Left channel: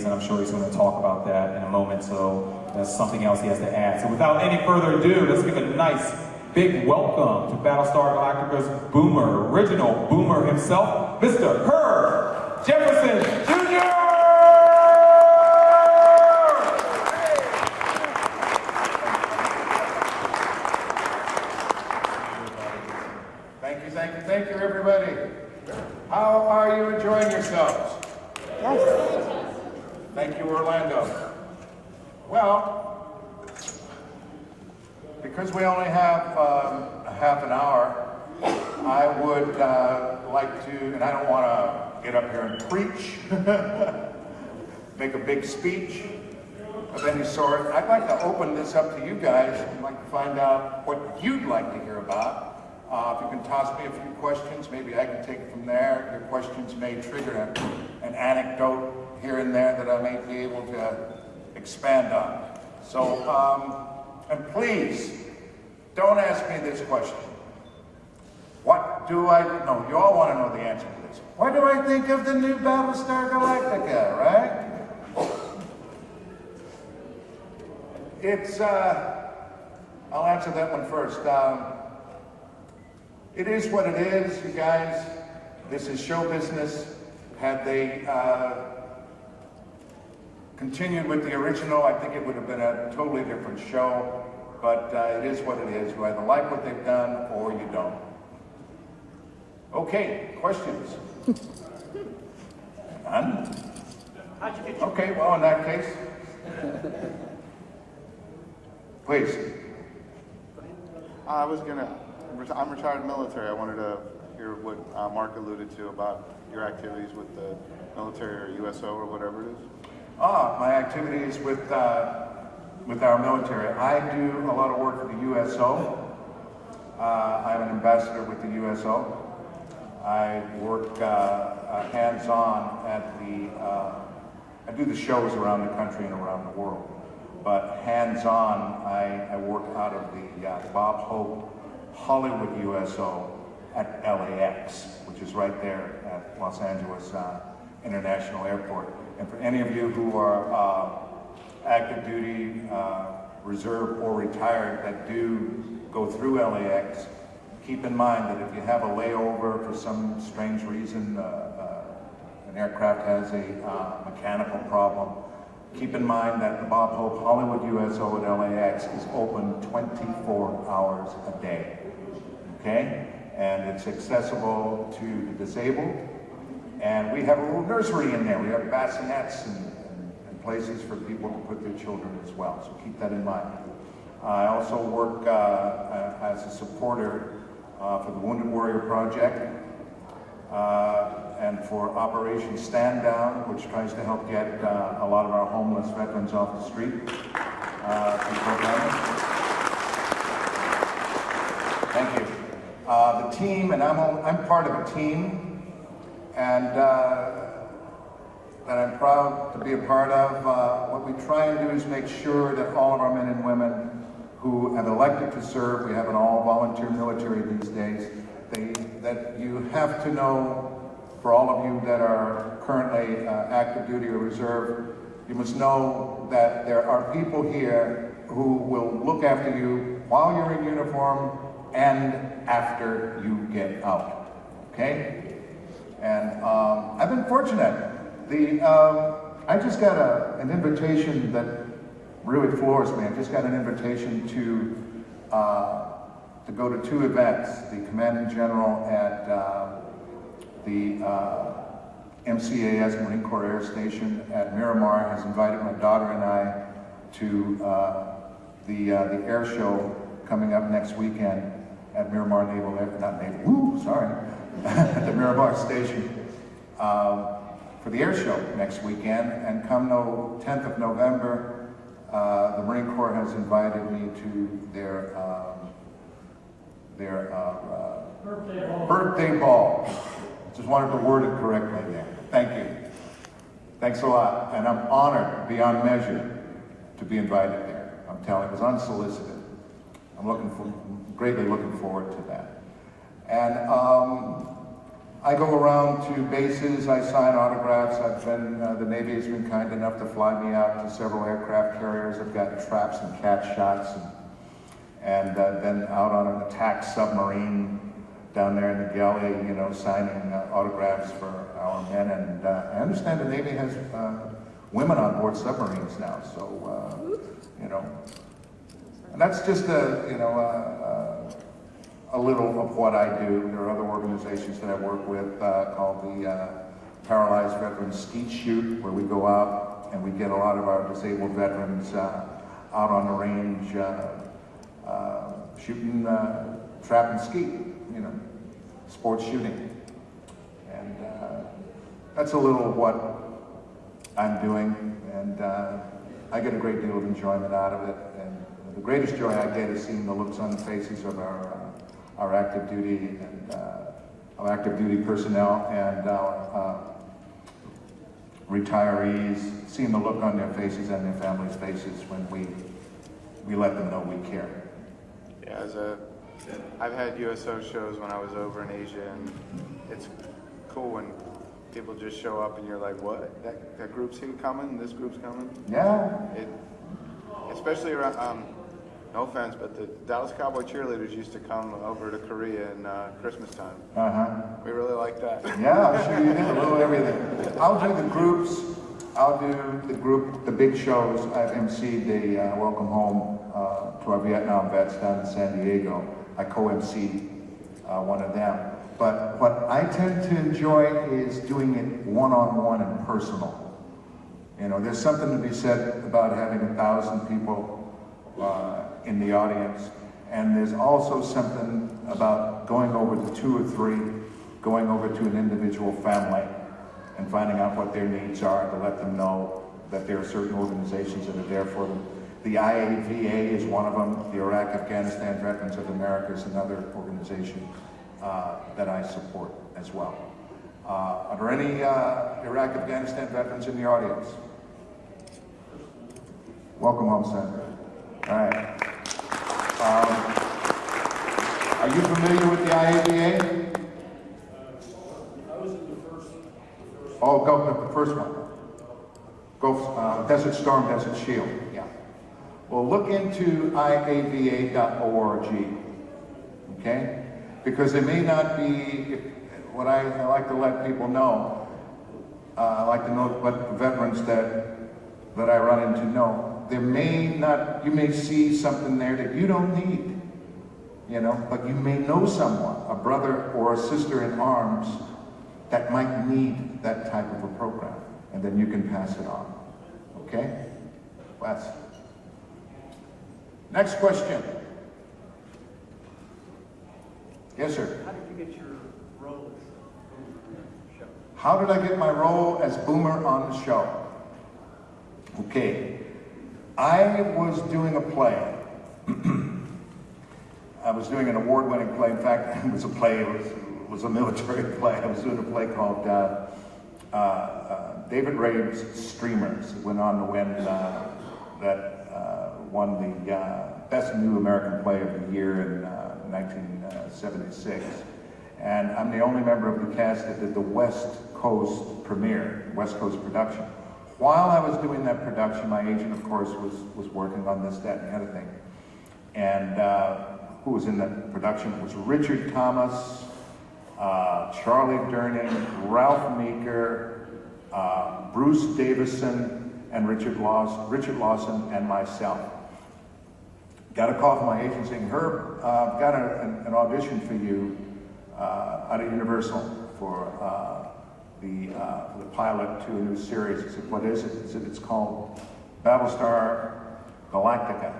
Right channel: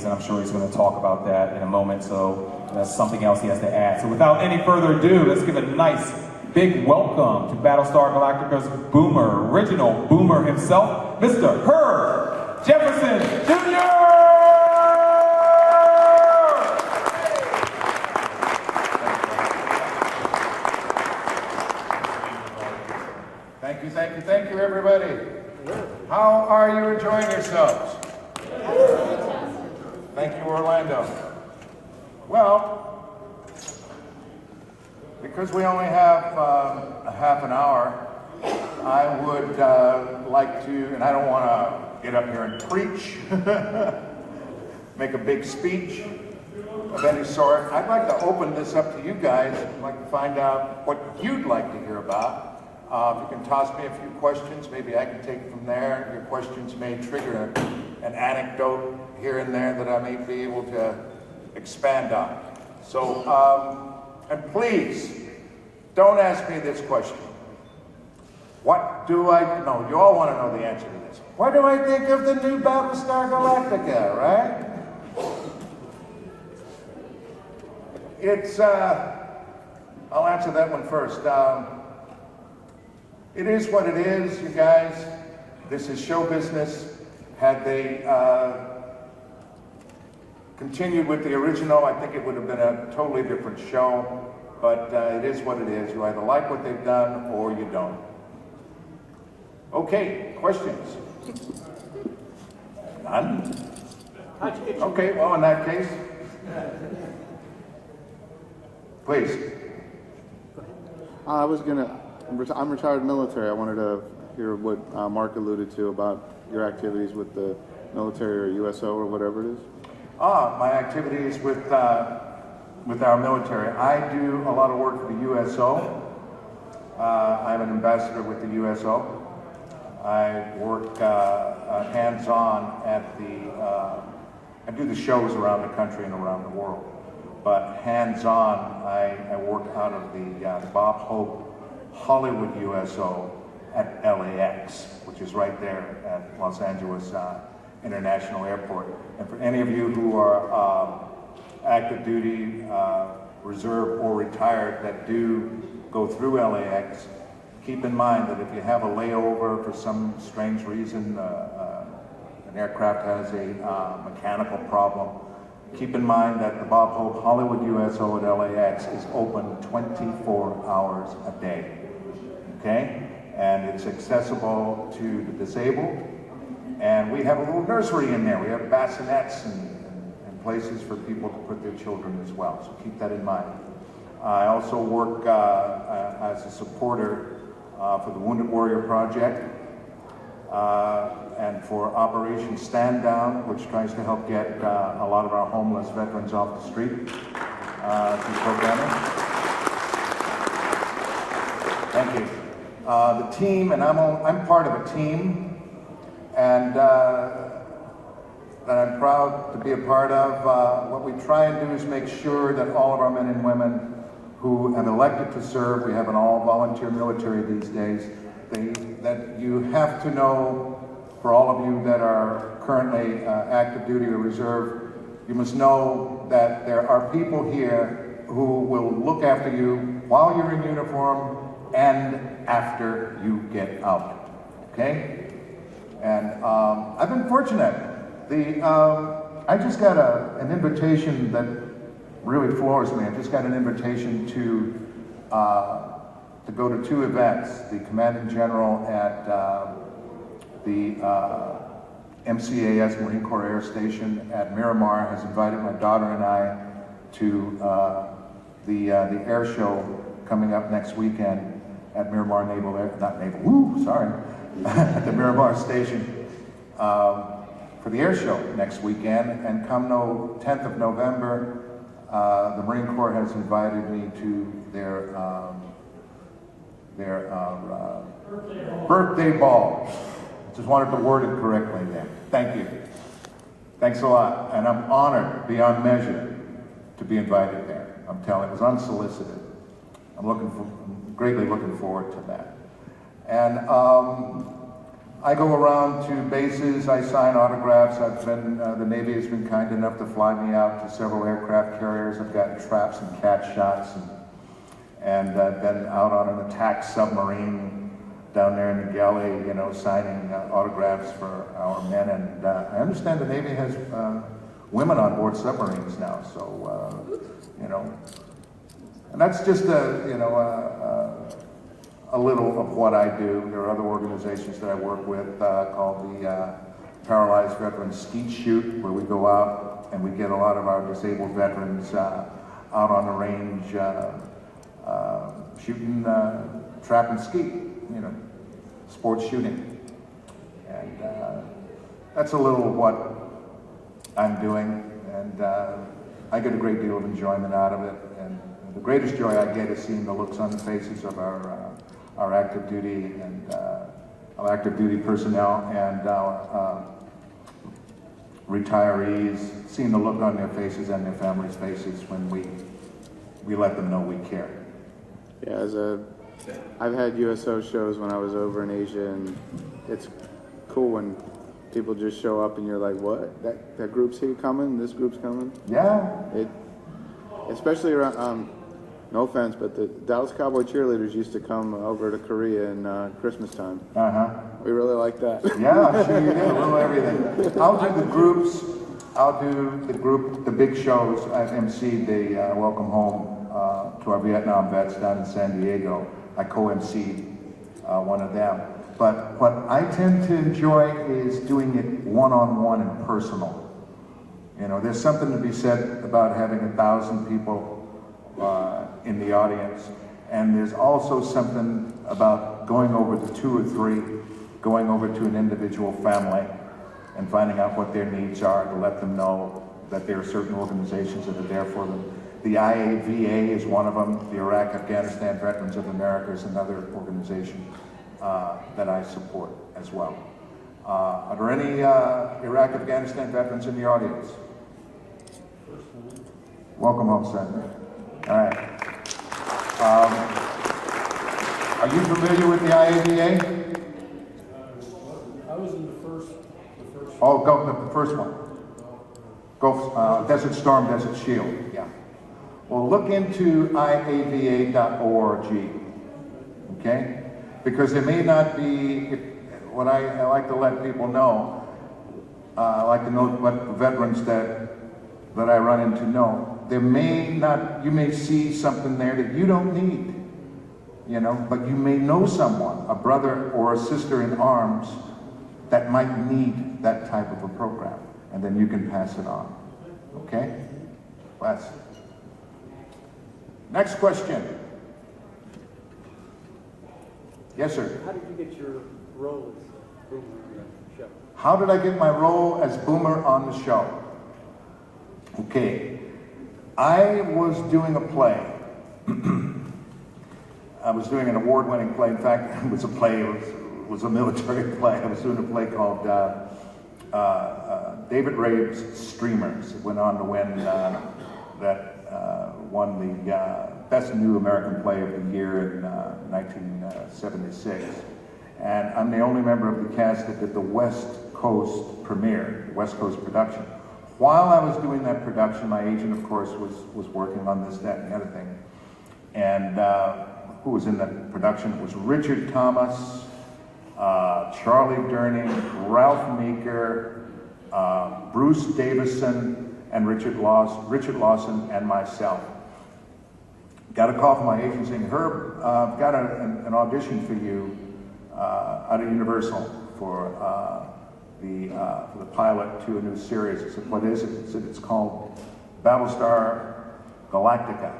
days, and I'm sure he's going to talk about that in a moment, so that's something else he has to add. So without any further ado, let's give a nice big welcome to Battlestar Galactica's Boomer, original Boomer himself, Mr. Herb Jefferson Jr. Thank you, everybody. How are you enjoying yourselves? Thank you, Orlando. Well, because we only have a half an hour, I would like to, and I don't want to get up here and preach, make a big speech of any sort. I'd like to open this up to you guys. I'd like to find out what you'd like to hear about. If you can toss me a few questions, maybe I can take it from there. Your questions may trigger an anecdote here and there that I may be able to expand on. So, and please, don't ask me this question. What do I know? You all want to know the answer to this. What do I think of the new Battlestar Galactica, right? It's, I'll answer that one first. It is what it is, you guys. This is show business. Had they continued with the original, I think it would have been a totally different show. But it is what it is. You either like what they've done or you don't. Okay, questions? None? Okay, well, in that case, please. I'm retired military. I wanted to hear what Mark alluded to about your activities with the military or USO or whatever it is. My activities with our military. I do a lot of work for the USO. I'm an ambassador with the USO. I work hands-on at I do the shows around the country and around the world. But hands-on, I work out of the Bob Hope Hollywood USO at LAX, which is right there at Los Angeles International Airport. And for any of you who are active duty, reserve, or retired that do go through LAX, keep in mind that if you have a layover for some strange reason, an aircraft has a mechanical problem, keep in mind that the Bob Hope Hollywood USO at LAX is open 24 hours a day, okay? And it's accessible to the disabled. And we have a little nursery in there. We have bassinets and places for people to put their children as well, so keep that in mind. I also work as a supporter for the Wounded Warrior Project and for Operation Stand Down, which tries to help get a lot of our homeless veterans off the street. Thank you. The team, and I'm part of a team, and that I'm proud to be a part of. What we try and do is make sure that all of our men and women who have elected to serve, we have an all-volunteer military these days, that you have to know, for all of you that are currently active duty or reserve, you must know that there are people here who will look after you while you're in uniform and after you get out, okay? And I've been fortunate. I just got an invitation that really floors me. I just got an invitation to go to two events. The Commanding General at the MCAS, Marine Corps Air Station at Miramar, has invited my daughter and I to the air show coming up next weekend at Miramar Naval Air, at the Miramar Station for the air show next weekend. And come 10th of November, the Marine Corps has invited me to their birthday ball. Just wanted to word it correctly there. Thank you. Thanks a lot. And I'm honored beyond measure to be invited there. I'm telling you, it was unsolicited. I'm greatly looking forward to that. And I go around to bases, I sign autographs. The Navy has been kind enough to fly me out to several aircraft carriers. I've got traps and catch shots, and I've been out on an attack submarine down there in the galley, you know, signing autographs for our men. And I understand the Navy has women on board submarines now, so, you know. And that's just a little of what I do. There are other organizations that I work with called the Paralyzed Veterans Skeet Shoot, where we go out and we get a lot of our disabled veterans out on the range shooting trap and skeet, you know, sports shooting. And that's a little of what I'm doing, and I get a great deal of enjoyment out of it. And the greatest joy I get is seeing the looks on the faces of our active duty and our active duty personnel and retirees, seeing the look on their faces and their families' faces when we let them know we care. Yeah, I've had USO shows when I was over in Asia, and it's cool when people just show up and you're like, what? That group's here coming? This group's coming? Yeah. Especially around, no offense, but the Dallas Cowboy cheerleaders used to come over to Korea in Christmas time. We really like that. Yeah, sure you did. We'll do everything. I'll do the groups. I'll do the big shows. I've emceed the Welcome Home to our Vietnam vets down in San Diego. I co-emceed one of them. But what I tend to enjoy is doing it one-on-one and personal. You know, there's something to be said about having 1,000 people in the audience, and there's also something about going over to 2 or 3, going over to an individual family and finding out what their needs are, to let them know that there are certain organizations that are there for them. The IAVA is one of them. The Iraq Afghanistan Veterans of America is another organization that I support as well. Are there any Iraq Afghanistan veterans in the audience? Welcome home, sir. All right. Are you familiar with the IAVA? I was in the first. Oh, go the first one. Go Desert Storm, Desert Shield. Yeah. Well, look into iava.org. Okay? Because there may not be what I like to let people know. I like to know what the veterans that I run into know. There may not, you may see something there that you don't need, you know, but you may know someone, a brother or a sister in arms, that might need that type of a program, and then you can pass it on. Okay? Next question. Yes, sir. How did you get your role as Boomer show? How did I get my role as Boomer on the show? Okay. I was doing a play. I was doing an award-winning play. In fact, it was a play. It was a military play. I was doing a play called David Rabe's Streamers. It went on to win won the Best New American Play of the Year in 1976. And I'm the only member of the cast that did the West Coast premiere, West Coast production. While I was doing that production, my agent, of course, was working on this, that, and the other thing. And who was in that production? It was Richard Thomas, Charlie Durney, Ralph Meeker, Bruce Davison, and Richard Lawson, and myself. Got a call from my agent saying, Herb, I've got an audition for you out of Universal for the pilot to a new series. I said, what is it? He said, it's called Battlestar Galactica.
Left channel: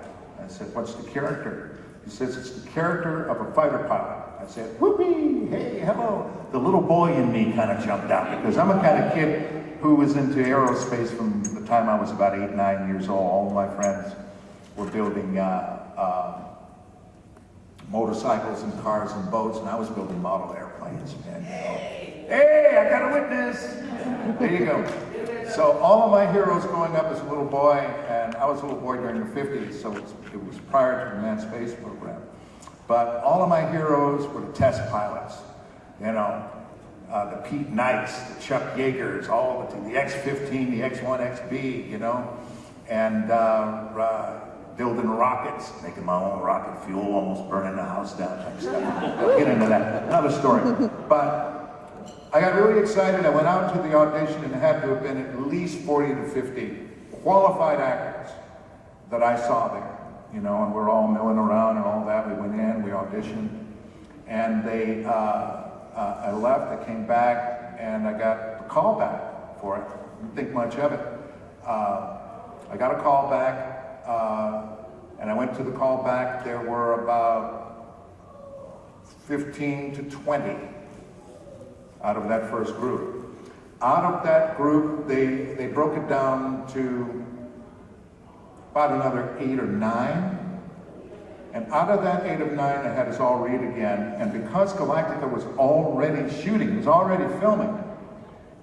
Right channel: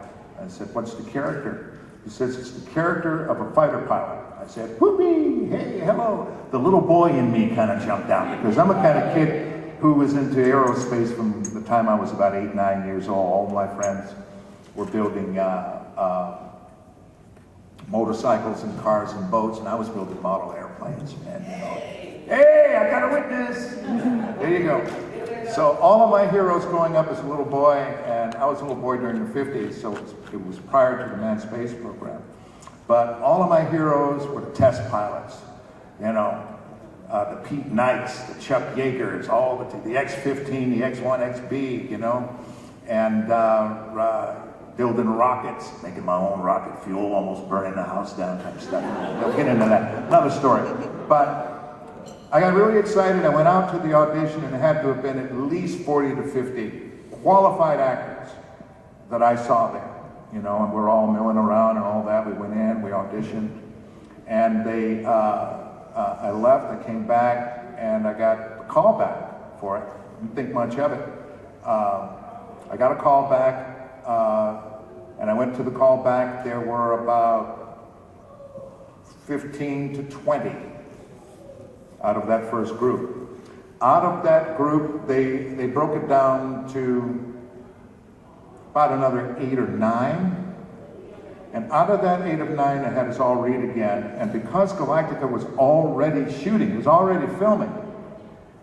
I said, what's the character? He says, it's the character of a fighter pilot. I said, whoopee, hey, hello. The little boy in me kind of jumped out, because I'm a kind of kid who was into aerospace from the time I was about 8, 9 years old. All my friends were building motorcycles and cars and boats, and I was building model airplanes. And, hey, I got a witness! There you go. So all of my heroes growing up as a little boy, and I was a little boy during the 50s, so it was prior to the manned space program. But all of my heroes were test pilots, you know. the Pete Knights, the Chuck Yeagers, all the X-15, the X-1, XB, you know, and building rockets, making my own rocket fuel, almost burning the house down type stuff. I'll get into that, another story. But I got really excited. I went out to the audition and it had to have been at least 40 to 50 qualified actors that I saw there, you know, and we're all milling around and all that. We went in, we auditioned, and I left, I came back, and I got the call back for it. Didn't think much of it. I got a call back, and I went to the call back. There were about 15 to 20 out of that first group. Out of that group, they broke it down to about another 8 or 9. And out of that 8 or 9, they had us all read again. And because Galactica was already shooting, was already filming,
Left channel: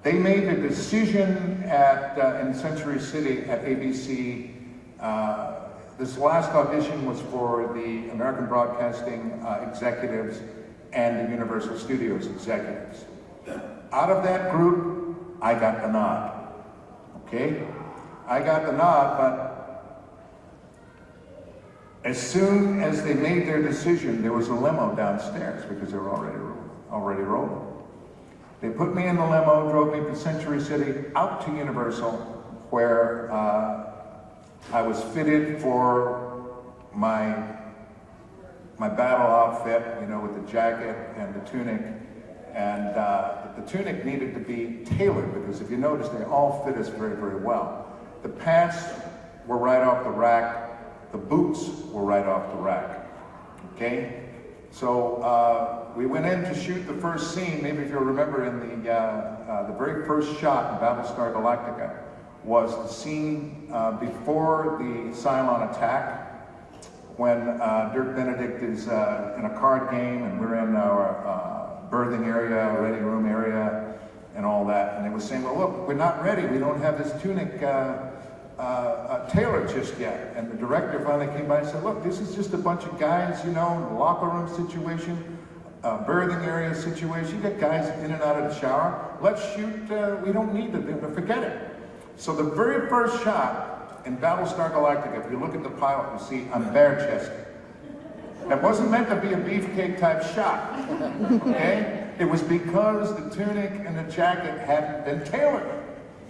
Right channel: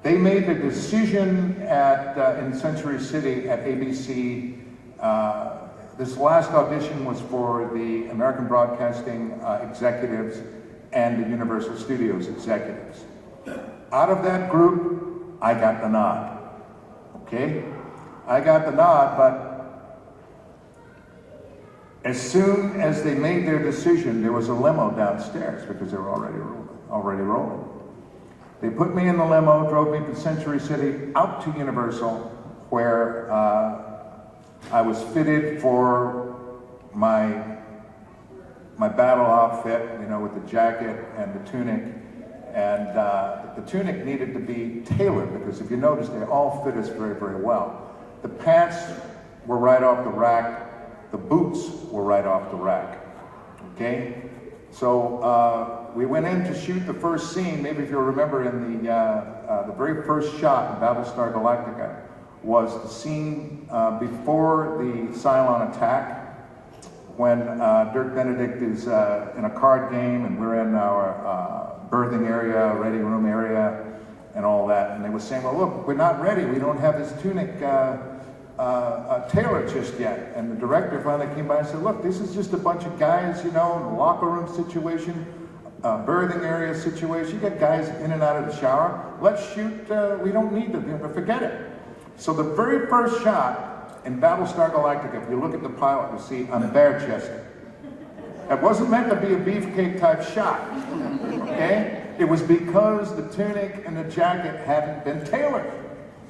they made the decision in Century City at ABC. This last audition was for the American Broadcasting executives and the Universal Studios executives. Out of that group, I got the nod. Okay? I got the nod, but as soon as they made their decision, there was a limo downstairs because they were already rolling. They put me in the limo, drove me to Century City, out to Universal, where I was fitted for my battle outfit, you know, with the jacket and the tunic. And the tunic needed to be tailored because if you notice, they all fit us very, very well. The pants were right off the rack. The boots were right off the rack. Okay? So we went in to shoot the first scene. Maybe if you'll remember, in the very first shot in Battlestar Galactica was the scene before the Cylon attack, when Dirk Benedict is in a card game and we're in our berthing area, ready room area, and all that. And they were saying, well, look, we're not ready. We don't have this tunic tailored just yet. And the director finally came by and said, look, this is just a bunch of guys, you know, locker room situation, berthing area situation. You got guys in and out of the shower. Let's shoot, we don't need to, forget it. So the very first shot in Battlestar Galactica, if you look at the pilot, you'll see I'm bare-chested. It wasn't meant to be a beefcake type shot, okay? It was because the tunic and the jacket hadn't been tailored,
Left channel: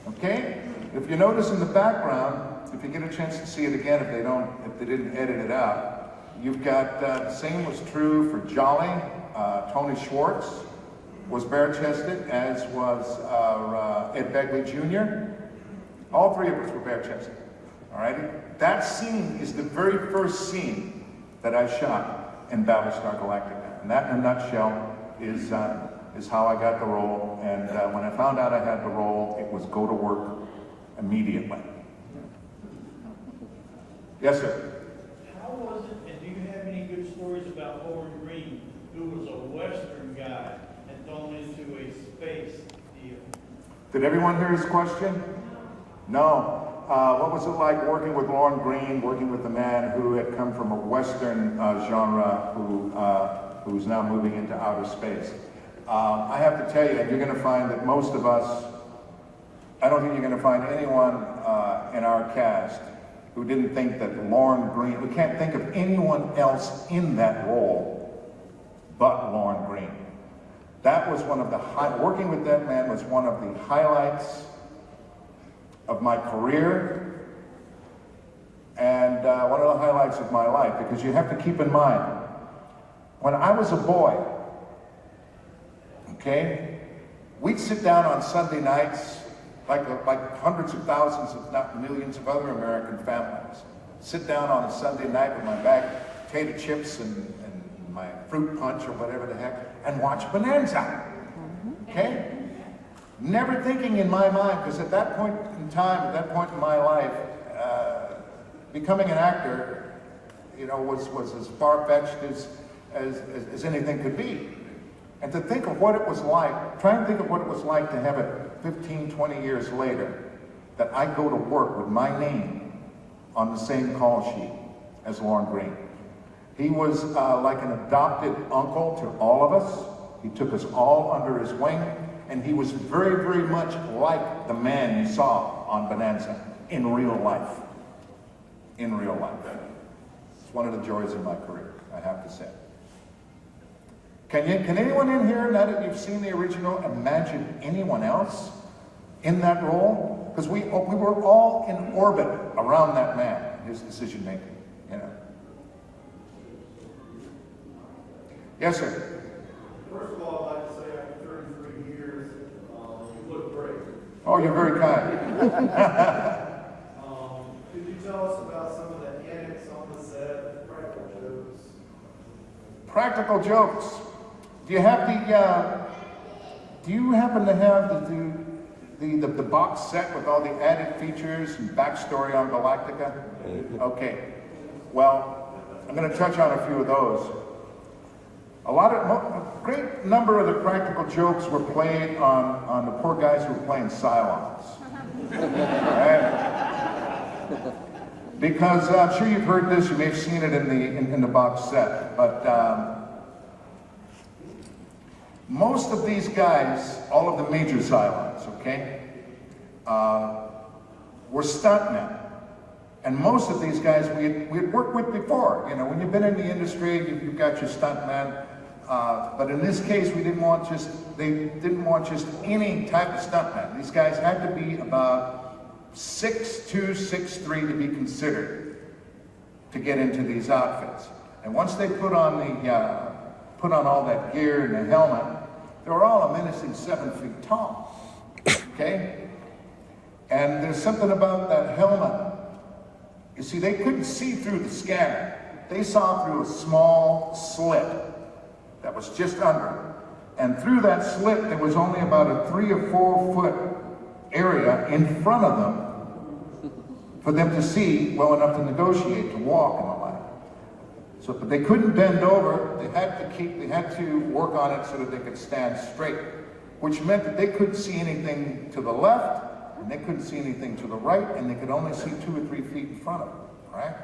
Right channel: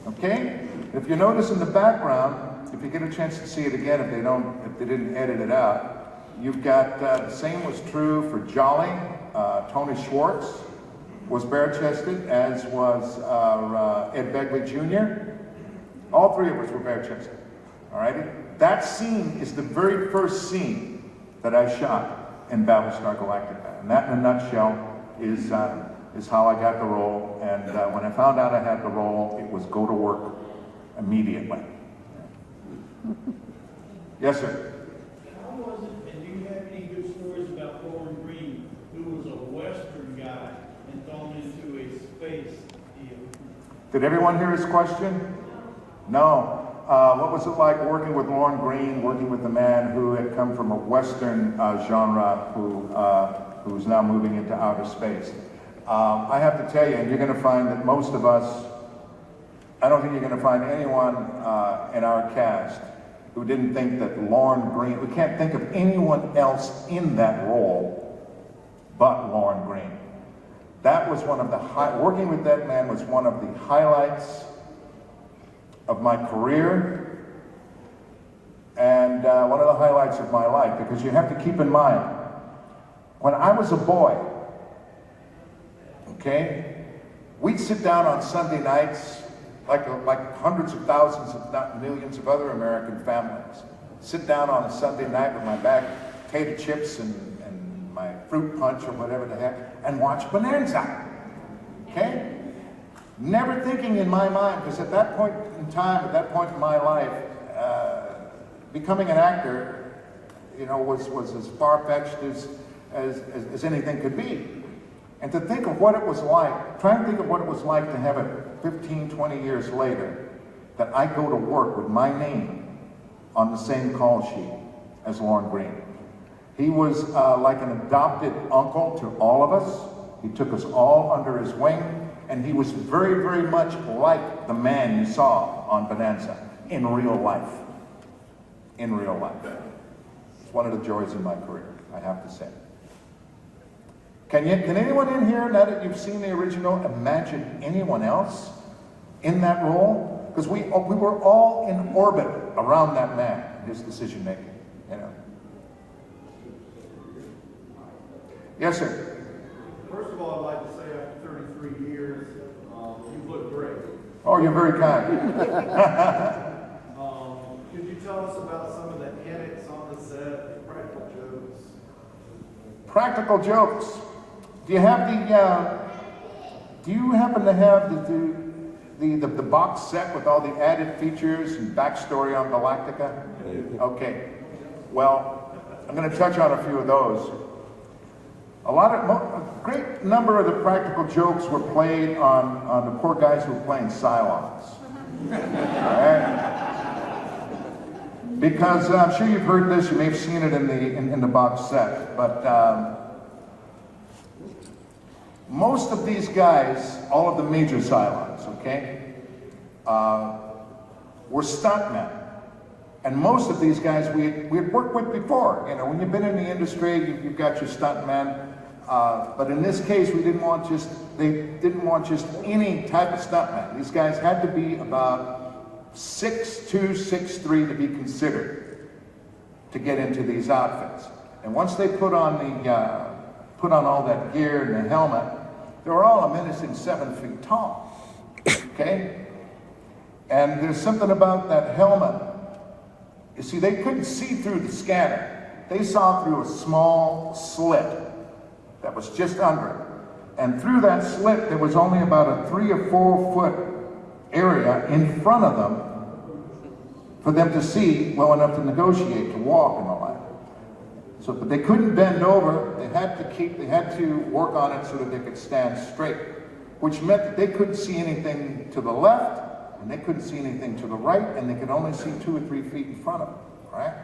okay? If you notice in the background, if you get a chance to see it again, if they didn't edit it out, you've got the same was true for Jolly. Tony Schwartz was bare-chested, as was Ed Begley Jr. All three of us were bare-chested, all righty? That scene is the very first scene that I shot in Battlestar Galactica. And that, in a nutshell, is how I got the role. And when I found out I had the role, it was go to work immediately. Yes, sir? How was it, and do you have any good stories about Lauren Green, who was a Western guy and thrown into a space deal? Did everyone hear his question? No. What was it like working with Lauren Green, working with a man who had come from a Western genre who's now moving into outer space? I have to tell you, and you're going to find that most of us, I don't think you're going to find anyone in our cast who didn't think that Lauren Green, who can't think of anyone else in that role but Lauren Green. That was one of the, working with that man was one of the highlights of my career and one of the highlights of my life, because you have to keep in mind, when I was a boy, okay, we'd sit down on Sunday nights like hundreds of thousands, if not millions of other American families. Sit down on a Sunday night with my bag of potato chips and my fruit punch or whatever the heck, and watch Bonanza, okay? Never thinking in my mind, because at that point in time, at that point in my life, becoming an actor, you know, was as far-fetched as anything could be. And to think of what it was like, try to think of what it was like to have it 15, 20 years later, that I go to work with my name on the same call sheet as Lauren Green. He was like an adopted uncle to all of us. He took us all under his wing. And he was very, very much like the man you saw on Bonanza in real life. In real life. It's one of the joys of my career, I have to say. Can anyone in here, now that you've seen the original, imagine anyone else in that role? Because we were all in orbit around that man, his decision making. You know. Yes, sir. First of all, I'd like to say after 33 years, you look great. Oh, you're very kind. Could you tell us about some of the antics on the set, practical jokes? Practical jokes. Do you have do you happen to have the box set with all the added features and backstory on Galactica? Okay. Well, I'm going to touch on a few of those. A great number of the practical jokes were played on the poor guys who were playing Cylons. Right? Because I'm sure you've heard this, you may have seen it in the box set, but most of these guys, all of the major Cylons, okay, were stuntmen. And most of these guys we had worked with before. You know, when you've been in the industry, you've got your stuntmen. But in this case, they didn't want just any type of stuntman. These guys had to be about 6'2", 6'3" to be considered to get into these outfits. And once they put on all that gear and the helmet, they were all a menacing 7 feet tall. Okay? And there's something about that helmet. You see, they couldn't see through the scanner. They saw through a small slit that was just under it. And through that slit, there was only about a 3 or 4 foot area in front of them for them to see well enough to negotiate, to walk and all that. So, but they couldn't bend over. They had to work on it so that they could stand straight, which meant that they couldn't see anything to the left, and they couldn't see anything to the right, and they could only see 2 or 3 feet in front of them, right?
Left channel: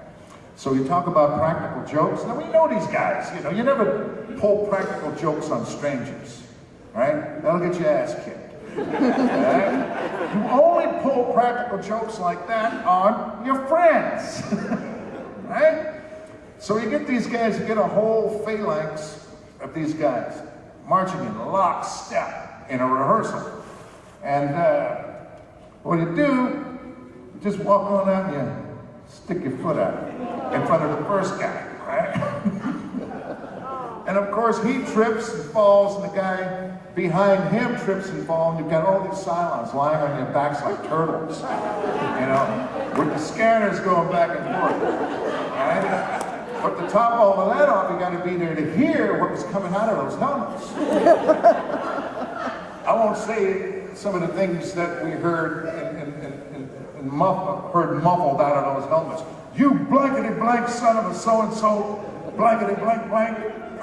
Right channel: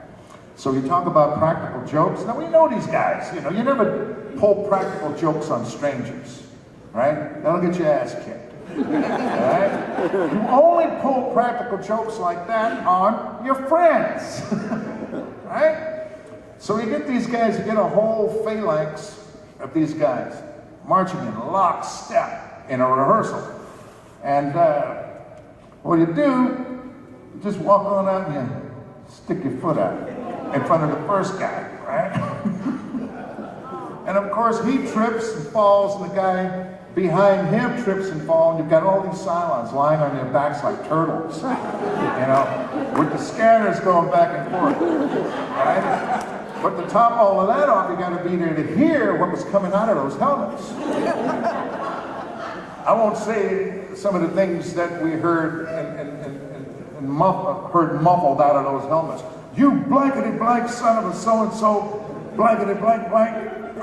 So you talk about practical jokes. Now we know these guys, you know, you never pull practical jokes on strangers, right? That'll get your ass kicked, right? You only pull practical jokes like that on your friends, right? So you get these guys, you get a whole phalanx of these guys marching in lockstep in a rehearsal. And what you do, you just walk on out and you stick your foot out in front of the first guy, right? And of course he trips and falls, and the guy behind him trips and falls, and you've got all these Cylons lying on your backs like turtles, you know, with the scanners going back and forth, right? But to top all of that off, you got to be there to hear what was coming out of those helmets. I won't say some of the things that we heard muffled out of those helmets. You blankety blank son of a so-and-so, blankety blank blank,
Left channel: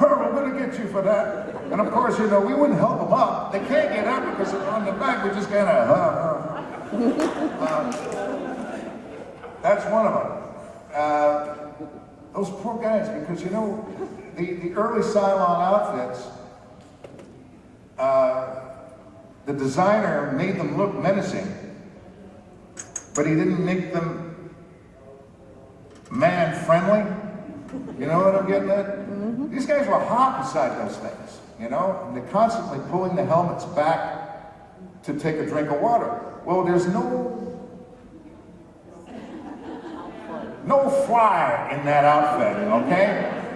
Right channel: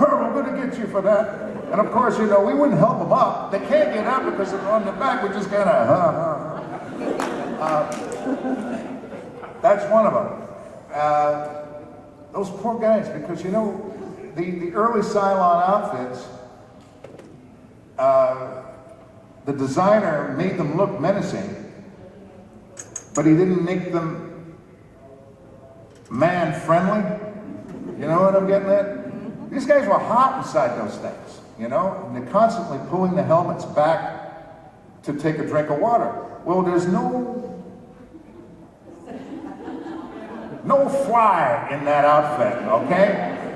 we're going to get you for that. And of course, you know, we wouldn't help them up. They can't get up because they're on the back. We're just going to, that's one of them. Those poor guys, because you know, the early Cylon outfits, the designer made them look menacing, but he didn't make them man-friendly. You know what I'm getting at? Mm-hmm. These guys were hot inside those things, you know? They're constantly pulling the helmets back to take a drink of water. Well, there's no fly in that outfit, okay?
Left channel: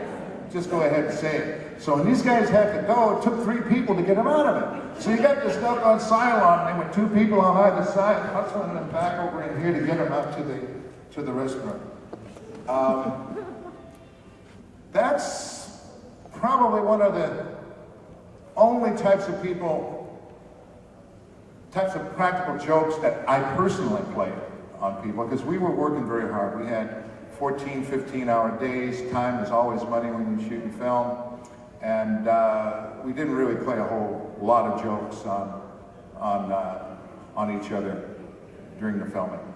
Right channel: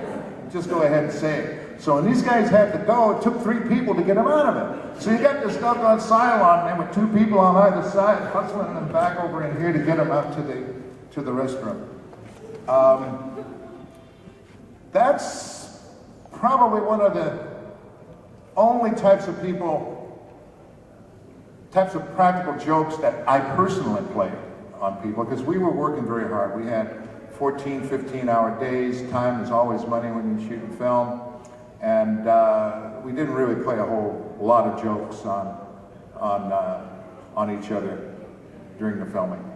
Just go ahead and say it. So when these guys had to go, it took 3 people to get them out of it. So you got this doggone Cylon, and there were 2 people on either side, hustling them back over in here to get them out to the restroom. That's probably one of the only types of practical jokes that I personally played on people, because we were working very hard. We had 14, 15-hour days. Time is always money when you're shooting film. And we didn't really play a whole lot of jokes on each other during the filming.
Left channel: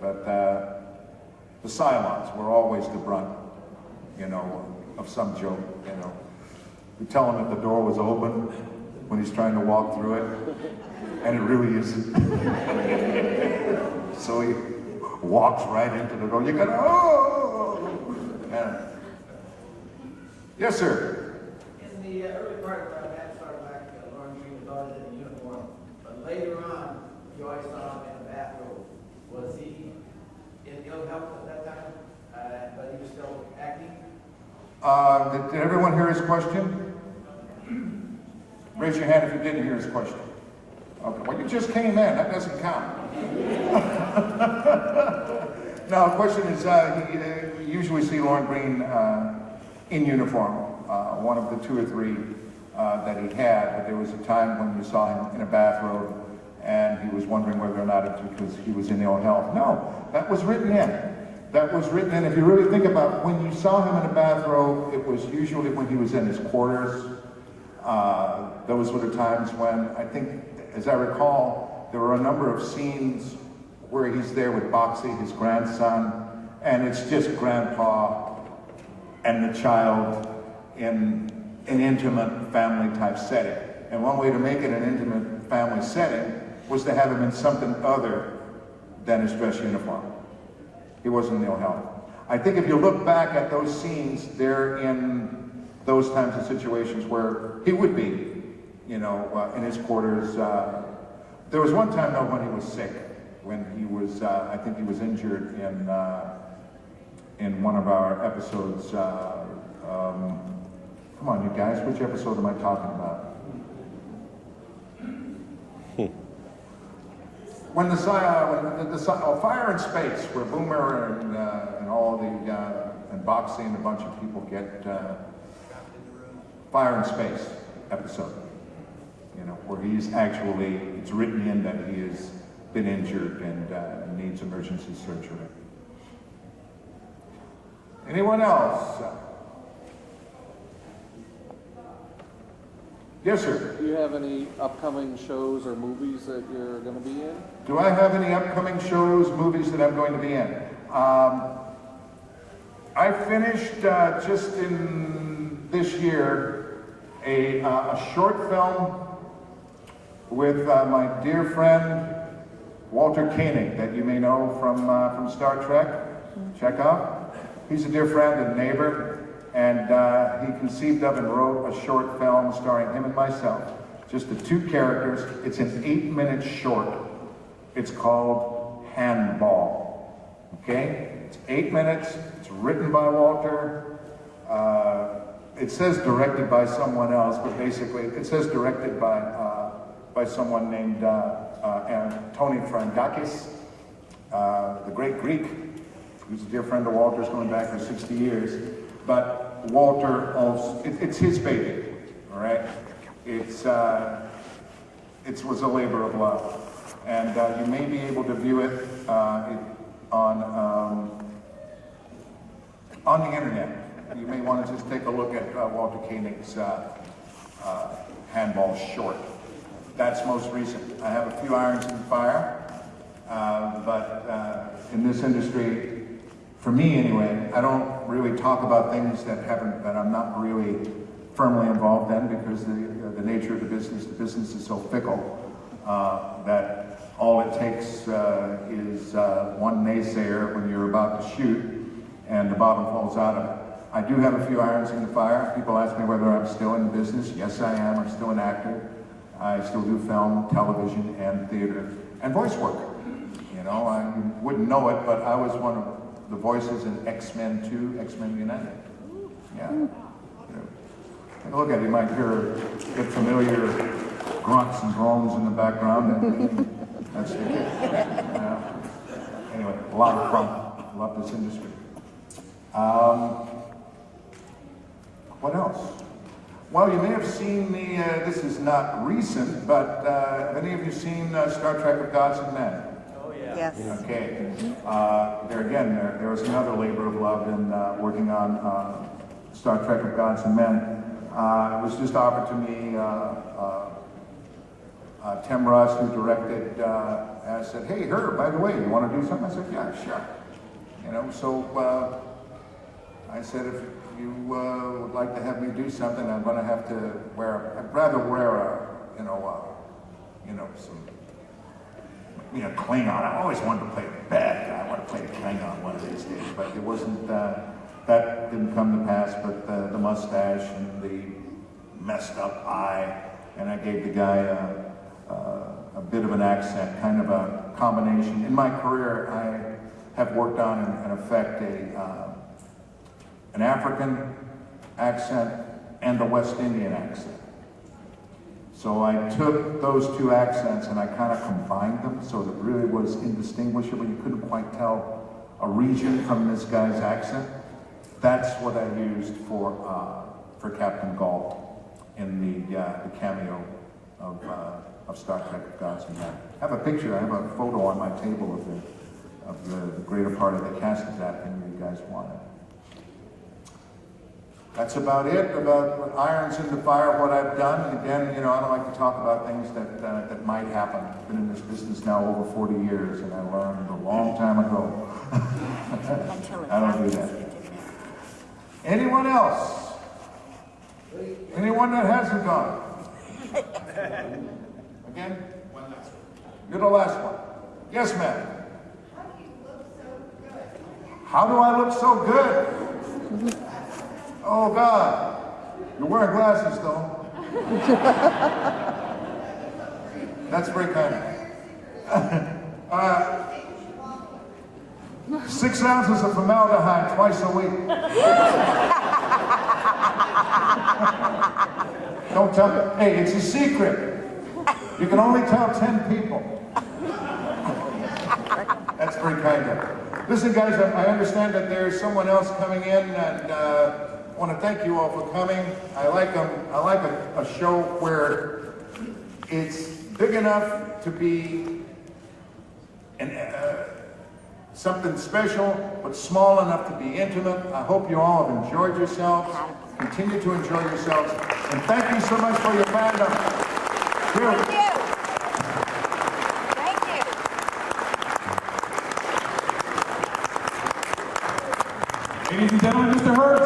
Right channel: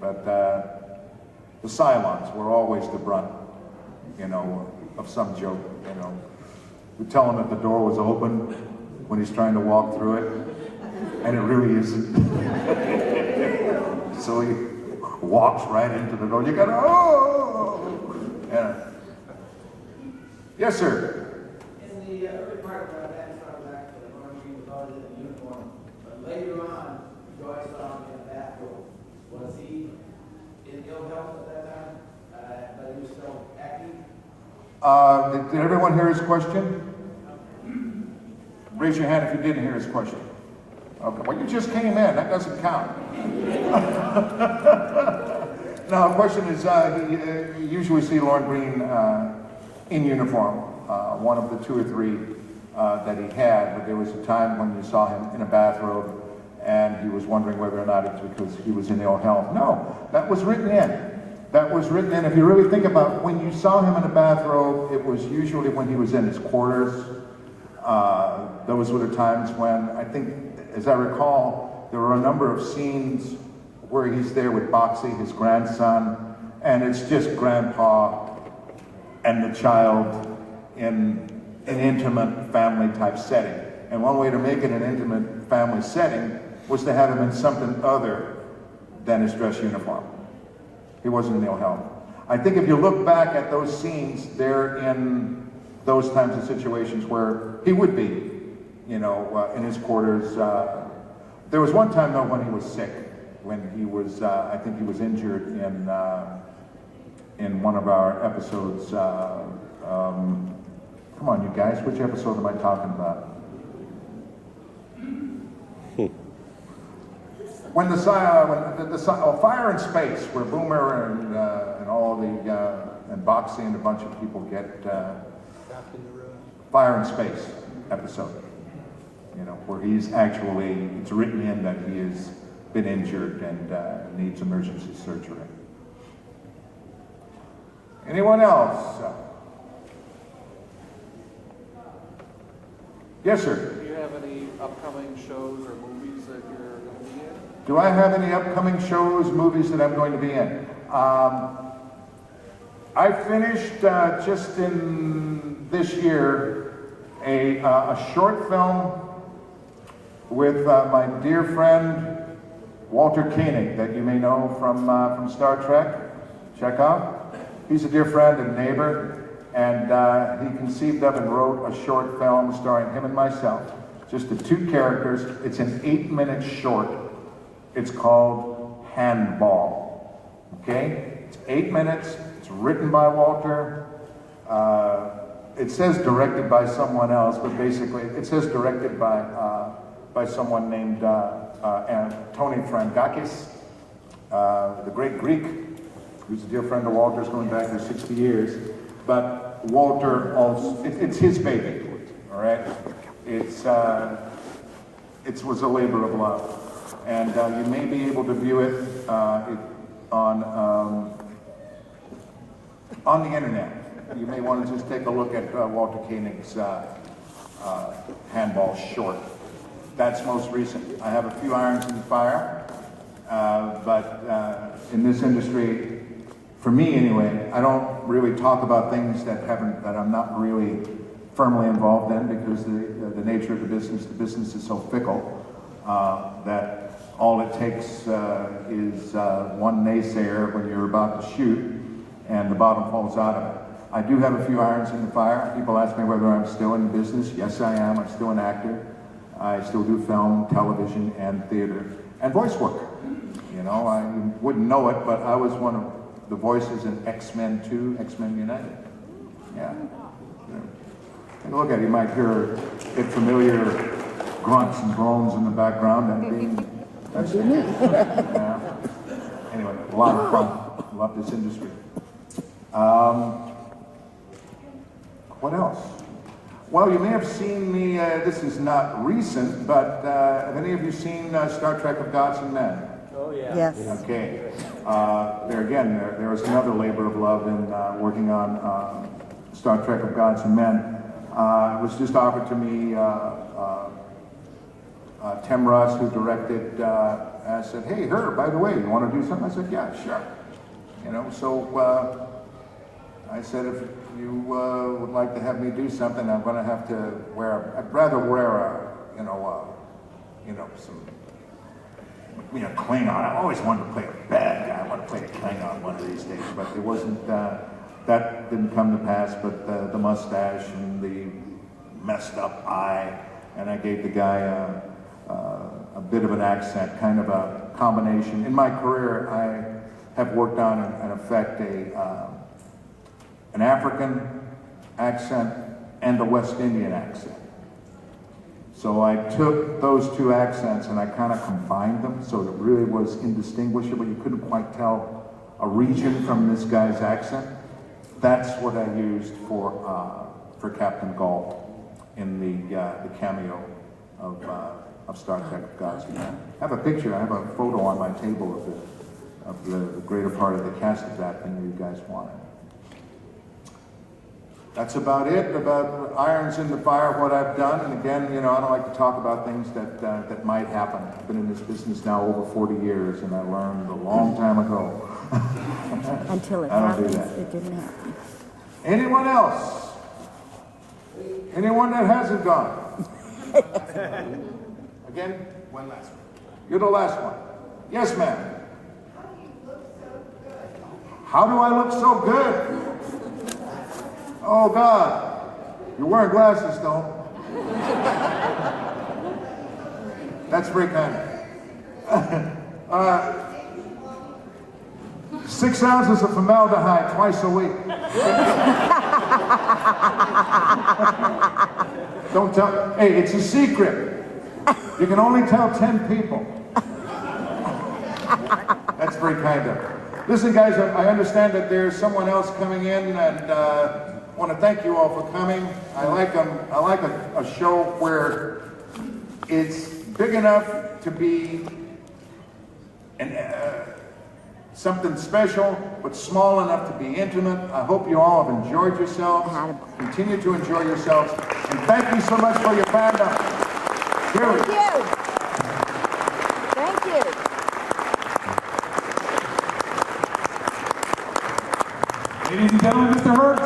But the Cylons were always the brunt, you know, of some joke, you know. We tell them that the door was open, when he's trying to walk through it, and it really isn't. So he walks right into the door. You go, oh! Yeah. Yes, sir. In the early part of Battlestar Galactica, Lauren Green was always in uniform, but later on, you always saw him in a bathrobe. Was he in ill health at that time, but he was still acting? Did everyone hear his question? Raise your hand if you didn't hear his question. Okay, well, you just came in. That doesn't count. No, the question is, you usually see Lauren Green in uniform, one of the 2 or 3 that he had, but there was a time when you saw him in a bathrobe and he was wondering whether or not it's because he was in ill health. No, that was written in. That was written in. If you really think about it, when you saw him in a bathrobe, it was usually when he was in his quarters. Those were the times when, I think, as I recall, there were a number of scenes where he's there with Boxy, his grandson, and it's just Grandpa and the child in an intimate family type setting. And one way to make it an intimate family setting was to have him in something other than his dress uniform. He wasn't in ill health. I think if you look back at those scenes, they're in those types of situations where he would be, you know, in his quarters. There was one time, though, when he was sick, when he was, I think he was injured in one of our episodes. Come on, you guys, which episode am I talking about? When the Fire in Space, where Boomer and all the and Boxy and a bunch of people get Fire in Space episode, you know, where he's actually, it's written in that he has been injured and needs emergency surgery. Anyone else? Yes, sir. Do you have any upcoming shows or movies that you're going to be in? Do I have any upcoming shows, movies that I'm going to be in? I finished just in this year a short film with my dear friend Walter Koenig, that you may know from Star Trek. Chekhov. He's a dear friend and neighbor, and he conceived of and wrote a short film starring him and myself. Just the 2 characters. It's an 8-minute short. It's called Handball. Okay? It's 8 minutes. It's written by Walter. It says directed by someone else, but basically it says directed by someone named Tony Frankakis, the great Greek, who's a dear friend of Walter's, going back for 60 years. But Walter also, it's his baby, all right? It was a labor of love. And you may be able to view it on the internet. You may want to just take a look at Walter Koenig's Handball short. That's most recent. I have a few irons in the fire, but in this industry, for me anyway, I don't really talk about things that I'm not really firmly involved in, because the nature of the business is so fickle that all it takes is one naysayer when you're about to shoot and the bottom falls out of it. I do have a few irons in the fire. People ask me whether I'm still in the business. Yes, I am. I'm still an actor. I still do film, television, and theater, and voice work. You know, I wouldn't know it, but I was one of the voices in X-Men 2, X-Men United. Yeah. Take a look at it. You might get familiar grunts and groans in the background. That's it. Anyway, a lot of fun. Love this industry. What else? Well, you may have seen me, this is not recent, but have any of you seen Star Trek of Gods and Men? Oh, yeah. Yes. Okay. There was another labor of love in working on Star Trek of Gods and Men. It was just offered to me. Tim Ross, who directed, asked, said, "Hey, Herb, by the way, you want to do something?" I said, "Yeah, sure." You know, so I said, if you would like to have me do something, I'm going to have to I'd rather wear some, Klingon. I always wanted to play a bad guy. I want to play a Klingon one of these days, but it wasn't, that didn't come to pass, but the mustache and the messed up eye, and I gave the guy a bit of an accent, kind of a combination. In my career, I have worked on and affect an African accent and a West Indian accent. So I took those two accents and I kind of combined them, so it really was indistinguishable. You couldn't quite tell a region from this guy's accent. That's what I used for Captain Gall in the cameo of Star Trek: Gods Unite. I have a picture. I have a photo on my table of the greater part of the cast of that than you guys wanted. That's about it, about irons in the fire, what I've done. And again, I don't like to talk about things that might happen. I've been in this business now over 40 years, and I learned a long time ago. Until I don't do that. Anyone else? Anyone that hasn't gone? Again? One last one. You're the last one. Yes, ma'am. How do you look so good? How do I look so good? Oh, God. You're wearing glasses, though. That's very kind of 6 ounces of formaldehyde twice a week. Don't tell me. Hey, it's a secret. You can only tell 10 people. That's very kind of. Listen, guys, I understand that there's someone else coming in, and I want to thank you all for coming. I like a show where it's big enough to be something special, but small enough to be intimate. I hope you all have enjoyed yourselves. Continue to enjoy yourselves. And thank you so much for your time. Thank you. Thank you. Ladies and gentlemen, Mr. Herb